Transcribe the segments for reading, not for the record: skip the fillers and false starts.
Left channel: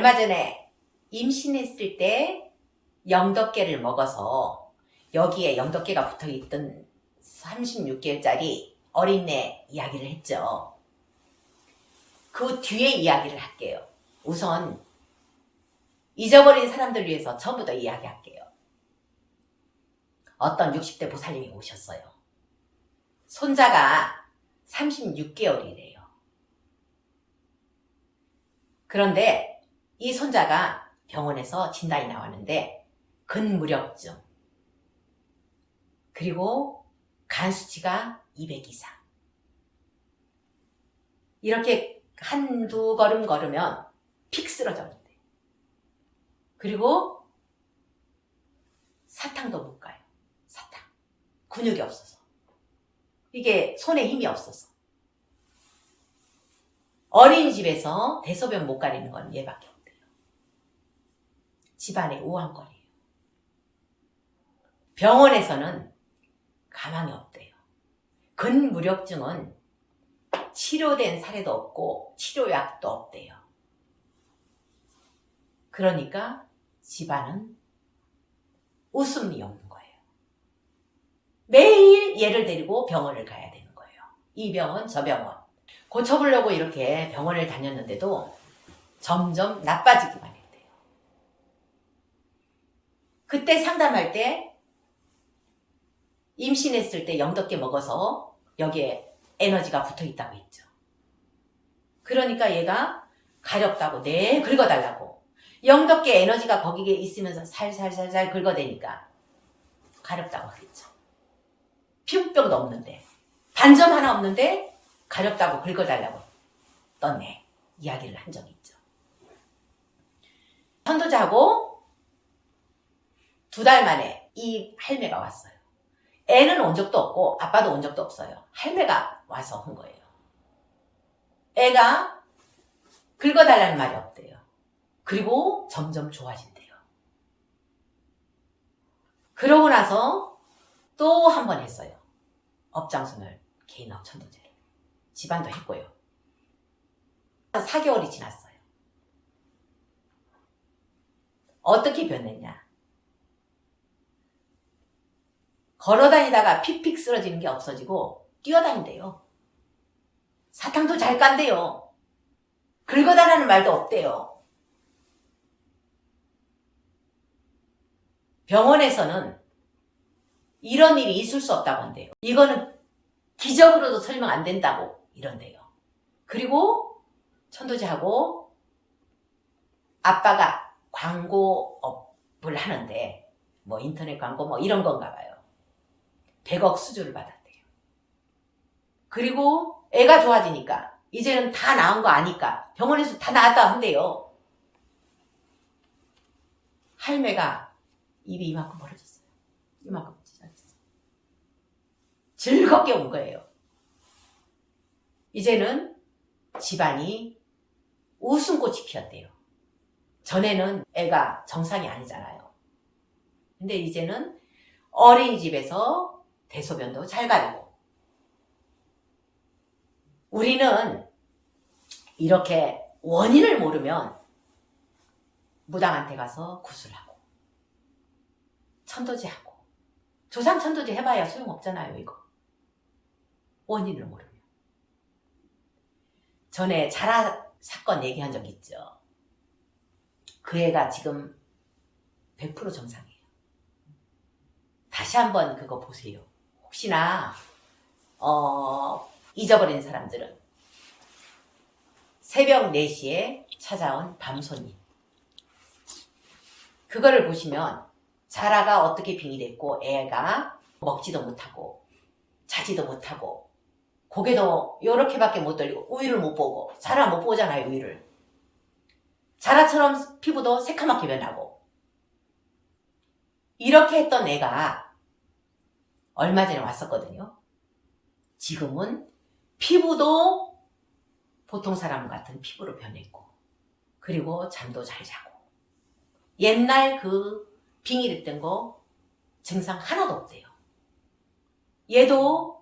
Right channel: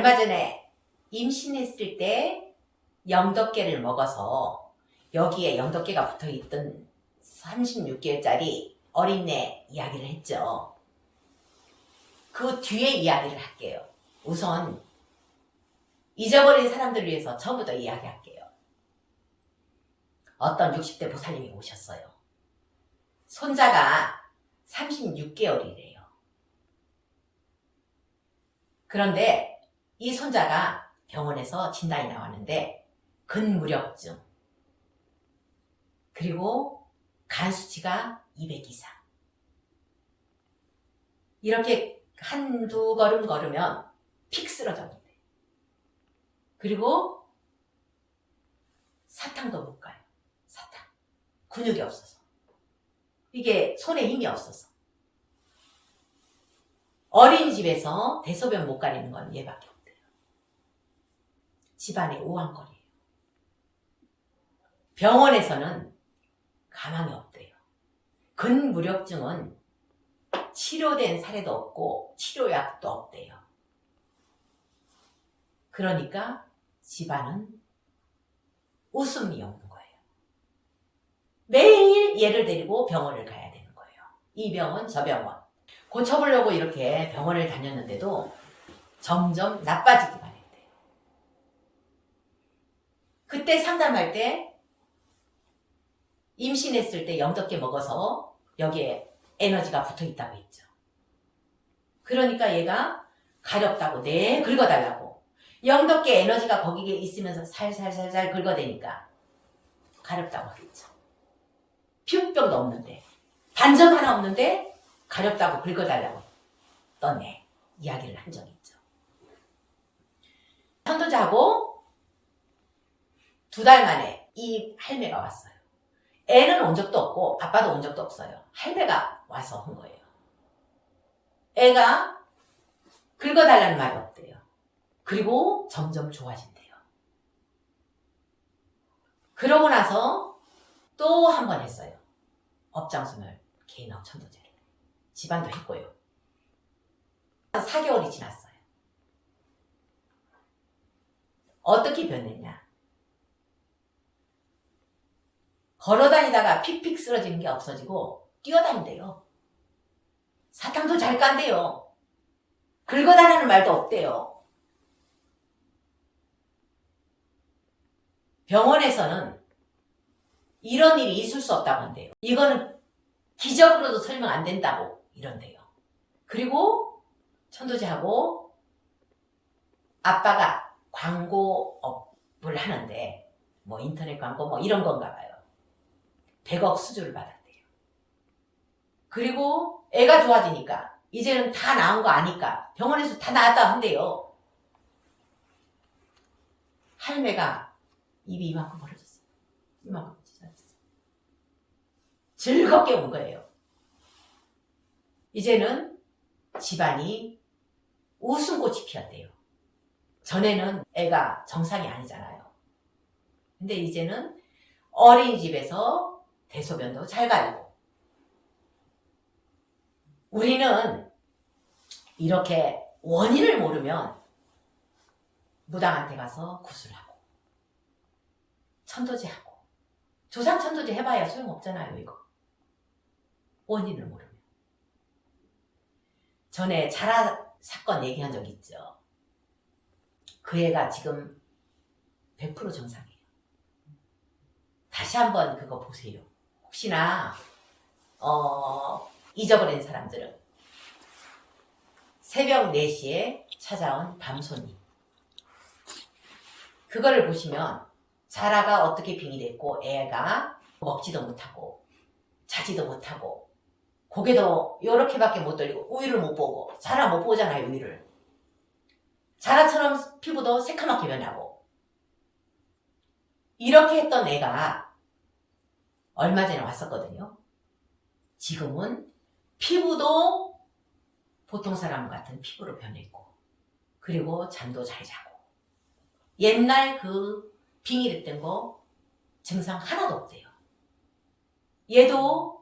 얼마 전에 임신했을 때 영덕계를 먹어서 여기에 영덕계가 붙어있던 36개월짜리 어린애 이야기를 했죠. 그 뒤에 이야기를 할게요. 우선 잊어버린 사람들 위해서 처음부터 이야기할게요. 어떤 60대 보살님이 오셨어요. 손자가 36개월이래요. 그런데 이 손자가 병원에서 진단이 나왔는데 근무력증, 그리고 간 수치가 200 이상. 이렇게 한두 걸음 걸으면 픽 쓰러졌는데, 그리고 사탕도 못 가요. 사탕. 근육이 없어서. 이게 손에 힘이 없어서. 어린이집에서 대소변 못 가리는 건 얘밖에 없대요. 집안에 오한거리예요. 병원에서는 가망이 없대요. 근무력증은 치료된 사례도 없고 치료약도 없대요. 그러니까 집안은 웃음이 없는 거예요. 매일 얘를 데리고 병원을 가야 되는 거예요. 이 병원 저 병원. 고쳐보려고 이렇게 병원을 다녔는데도 점점 나빠지기만 했대요. 그때 상담할 때 임신했을 때 영덕계 먹어서 여기에 에너지가 붙어있다고 했죠. 그러니까 얘가 가렵다고 네 긁어달라고. 영덕계 에너지가 거기에 있으면서 살살살살 긁어대니까 가렵다고 하겠죠. 피부병도 없는데, 반점 하나 없는데 가렵다고 긁어달라고 떴네. 이야기를 한 적이 있죠. 천도자고 2달 만에 이 할매가 왔어요. 애는 온 적도 없고 아빠도 온 적도 없어요. 할매가 와서 한 거예요. 애가 긁어달라는 말이 없대요. 그리고 점점 좋아진대요. 그러고 나서 또 한 번 했어요. 업장순을 개인업 천도제를. 집안도 했고요. 4개월이 지났어요. 어떻게 변했냐? 걸어다니다가 픽픽 쓰러지는 게 없어지고 뛰어다닌대요. 사탕도 잘 깐대요. 긁어달라는 말도 없대요. 병원에서는 이런 일이 있을 수 없다고 한대요. 이거는 기적으로도 설명 안 된다고 이런대요. 그리고 천도제하고 아빠가 광고업을 하는데 뭐 인터넷 광고 뭐 이런 건가 봐요. 100억 수주를 받았대요. 그리고 애가 좋아지니까 이제는 다 나은 거 아니까 병원에서 다 나았다 한대요. 할매가 입이 이만큼 벌어졌어요. 이만큼 찢어졌어요. 즐겁게 온 거예요. 이제는 집안이 웃음꽃이 피었대요. 전에는 애가 정상이 아니잖아요. 근데 이제는 어린이집에서 대소변도 잘 가리고. 우리는 이렇게 원인을 모르면 무당한테 가서 구슬하고 천도제하고 조상 천도제 해봐야 소용없잖아요. 이거 원인을 모르면. 전에 자라 사건 얘기한 적 있죠. 그 애가 지금 100% 정상이에요. 다시 한번 그거 보세요. 혹시나 잊어버린 사람들은 새벽 4시에 찾아온 밤손님, 그거를 보시면 자라가 어떻게 빙이 됐고 애가 먹지도 못하고 자지도 못하고 고개도 요렇게밖에 못 돌리고 우유를 못 보고, 자라 못 보잖아요. 우유를. 자라처럼 피부도 새카맣게 변하고 이렇게 했던 애가 얼마 전에 왔었거든요. 지금은 피부도 보통 사람 같은 피부로 변했고, 그리고 잠도 잘 자고, 옛날 그 빙의됐던 거 증상 하나도 없대요. 얘도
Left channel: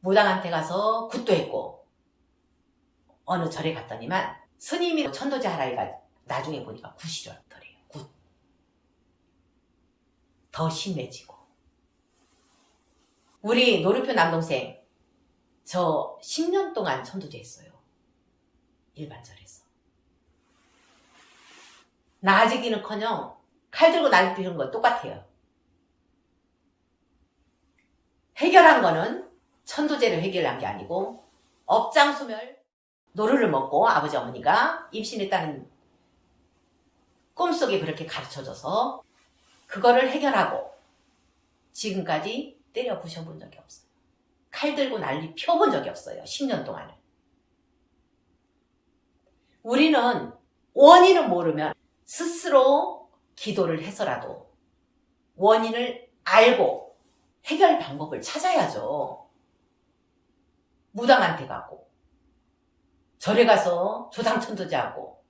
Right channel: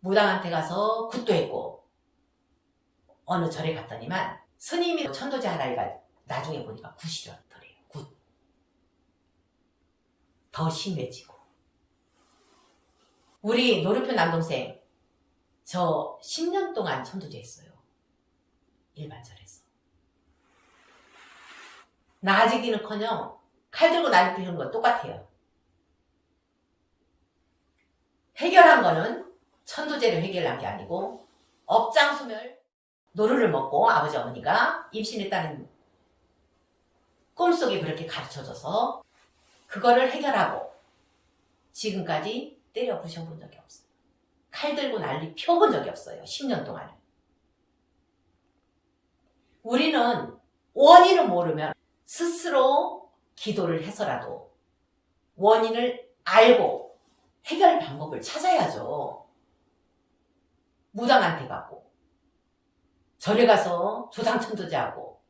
무당한테 가서 굿도 했고 어느 절에 갔더니만 스님이 천도제 하라니까 나중에 보니까 굿이더래요. 굿. 더 심해지고. 우리 노르표 남동생 저 10년 동안 천도제 했어요. 일반절에서. 나아지기는커녕 칼 들고 날 피우는 건 똑같아요. 해결한 거는 천도제를 해결한 게 아니고 업장소멸 노루를 먹고 아버지 어머니가 임신했다는 꿈속에 그렇게 가르쳐줘서 그거를 해결하고 지금까지 때려 부셔본 적이 없어요. 칼 들고 난리 펴본 적이 없어요. 10년 동안은. 우리는 원인을 모르면 스스로 기도를 해서라도 원인을 알고 해결 방법을 찾아야죠. 무당한테 가고 절에 가서 조상천도제하고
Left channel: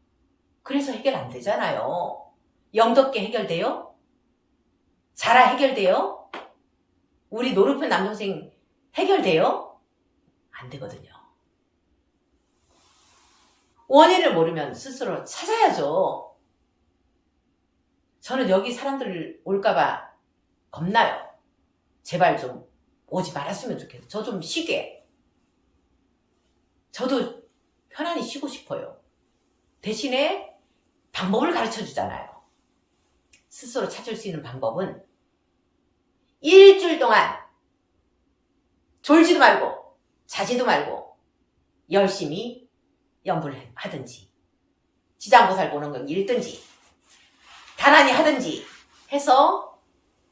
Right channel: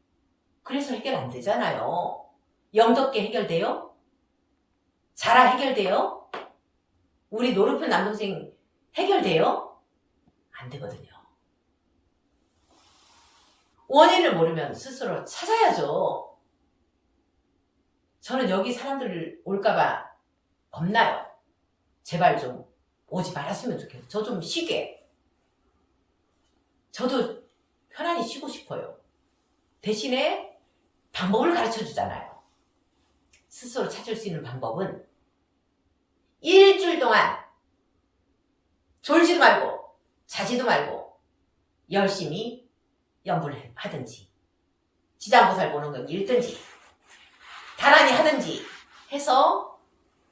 그래서 해결 안 되잖아요. 영덕계 해결돼요? 자라 해결돼요? 우리 노르표 남동생 해결돼요? 안 되거든요. 원인을 모르면 스스로 찾아야죠. 저는 여기 사람들 올까봐 겁나요. 제발 좀 오지 말았으면 좋겠어요. 저 좀 쉬게. 저도 편안히 쉬고 싶어요. 대신에 방법을 가르쳐 주잖아요. 스스로 찾을 수 있는 방법은 일주일 동안 졸지도 말고 자지도 말고 열심히 연불을 하든지 지장보살 보는 건 읽든지 다란히 하든지 해서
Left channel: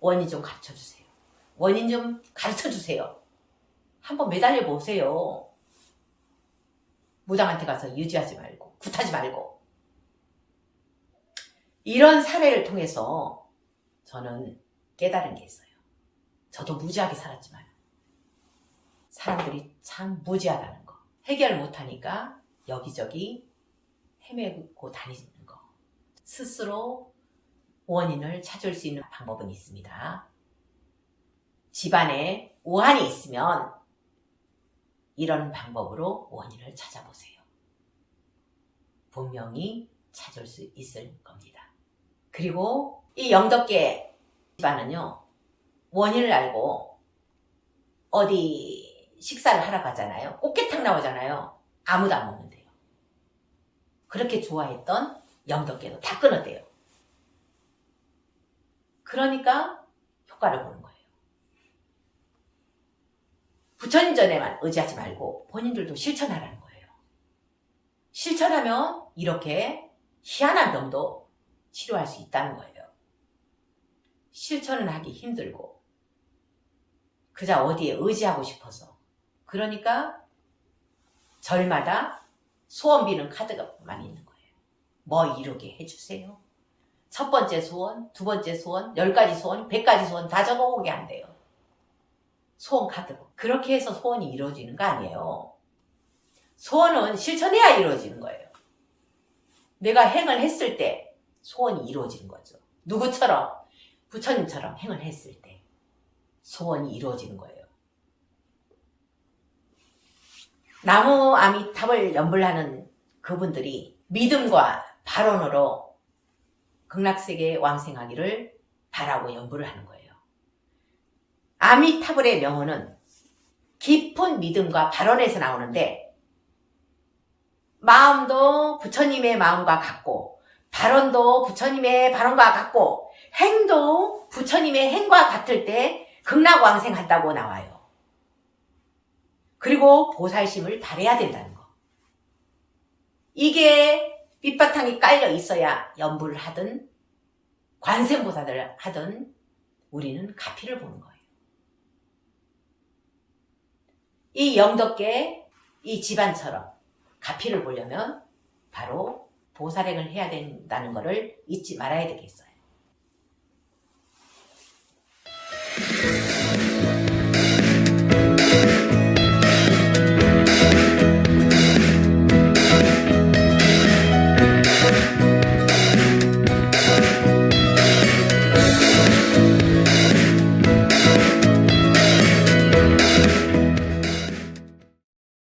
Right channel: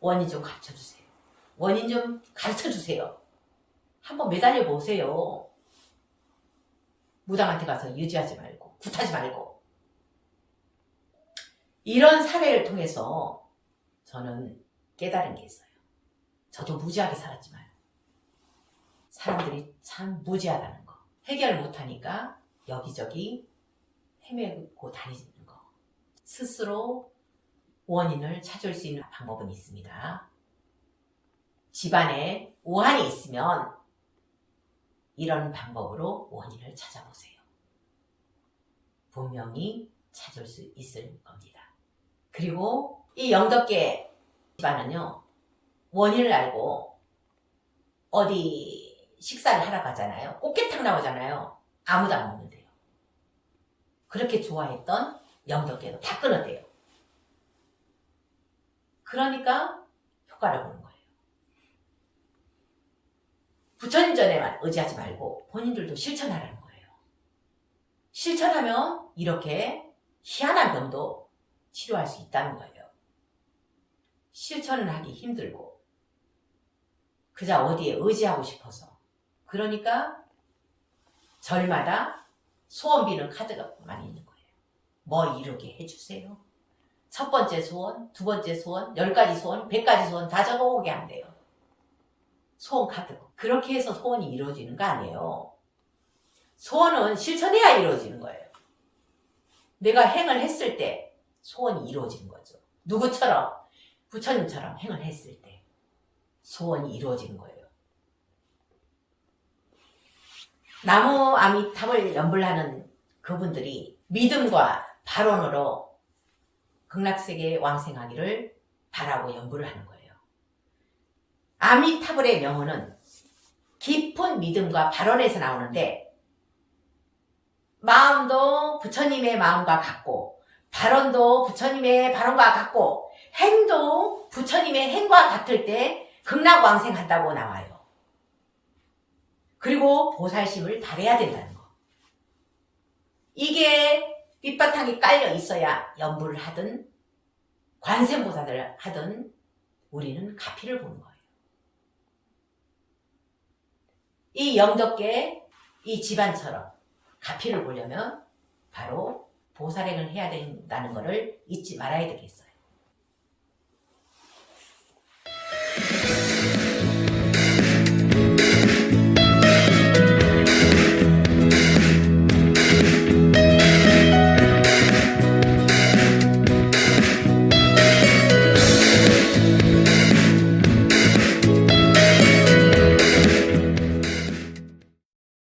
원인 좀 가르쳐 주세요. 원인 좀 가르쳐 주세요. 한번 매달려 보세요. 무당한테 가서 유지하지 말고 굿하지 말고. 이런 사례를 통해서 저는 깨달은 게 있어요. 저도 무지하게 살았지만 사람들이 참 무지하다는 거. 해결 못하니까 여기저기 헤매고 다니는 거. 스스로 원인을 찾을 수 있는 방법은 있습니다. 집안에 우환이 있으면 이런 방법으로 원인을 찾아보세요. 분명히 찾을 수 있을 겁니다. 그리고 이 영덕계 집안은요, 원인을 알고 어디 식사를 하러 가잖아요. 꽃게탕 나오잖아요. 아무도 안 먹는데요. 그렇게 좋아했던 영덕계도 다 끊었대요. 그러니까 효과를 보는 거예요. 부처님 전에만 의지하지 말고 본인들도 실천하라는 거예요. 실천하면 이렇게 희한한 병도 치료할 수 있다는 거예요. 실천은 하기 힘들고 그저 어디에 의지하고 싶어서. 그러니까 절마다 소원비는 카드가만 있는 거예요. 뭐 이루게 해주세요. 첫 번째 소원, 두 번째 소원, 10가지 소원, 100가지 소원 다 적어오게 한대요. 소원 카드로. 그렇게 해서 소원이 이루어지는 거 아니에요. 소원은 실천해야 이루어지는 거예요. 내가 행을 했을 때 소원이 이루어지는 거죠. 누구처럼? 부처님처럼 행을 했을 때 소원이 이루어지는 거예요. 나무 아미탑을 연불하는 그분들이 믿음과 발언으로 극락세계에 왕생하기를 바라고 연불을 하는 거예요. 아미타불의 명언은 깊은 믿음과 발언에서 나오는데 마음도 부처님의 마음과 같고 발언도 부처님의 발언과 같고 행도 부처님의 행과 같을 때 극락왕생한다고 나와요. 그리고 보살심을 발해야 된다는 거. 이게 밑바탕이 깔려 있어야 연불을 하든 관세음보살을 하든 우리는 가피를 보는 거예요. 이 영덕계 이 집안처럼 가피를 보려면 바로 보살행을 해야 된다는 것을 잊지 말아야 되겠어요.